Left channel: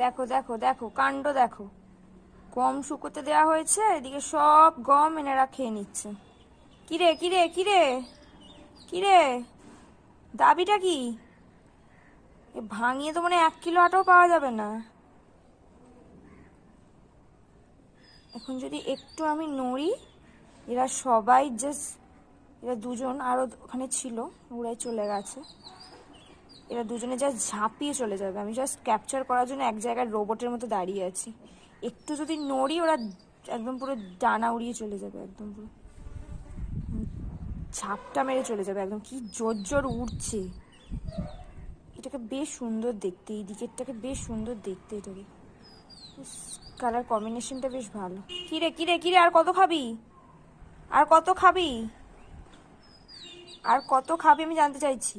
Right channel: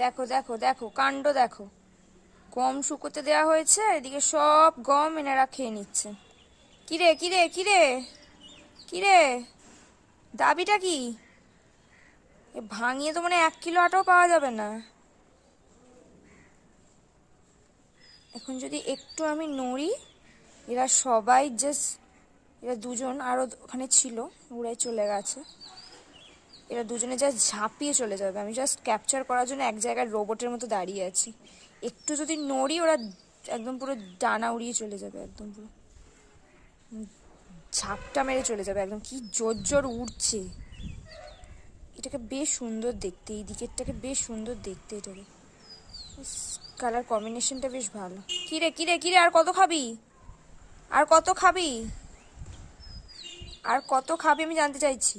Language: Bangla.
দেখো দেখো দেখো কাণ্ড দেখো, গম শুকোতে দেওয়া হয়েছে, এদিকে সব গম এনারা খেয়ে নিচ্ছে। কিরে কিরে কিরে কিরে, দাবিটা কি? ভাঙিয়ে তো মানে 1 কিলো আটাও পাওয়া যাবে না। এখন যদি একটু আমি নড়ি, এরা সবাই জাস্ট, এরা দুজন আরও ওখানে ছিল, ওরাই চলে গেছে, এরা দুজনে জাস্ট ঝাঁপিয়ে চলে যাবে। আমি জাস্ট ক্যাপচার করার জন্য এক জায়গায় রোবটের মতো দাঁড়িয়ে আছি। একটু যদি নড়ি ওরা একদম পুরো ডানা উড়িয়ে চলে যাবে, একদম পুরো ঝাপটা মেরে চলে যাবে একদম। কি জোর জোর উড়ছে। এটাকে বেশ সুন্দর দেখতে, এই দিকেরটাকে বেশ সুন্দর দেখতে, এটাকে কালার কম্বিনেশনটা বেশ ভালো। কিরে কিরে কিরে, আর কত খাবি? আর কত খাবি? আর কত খাবি আমি জানতে চাইছি।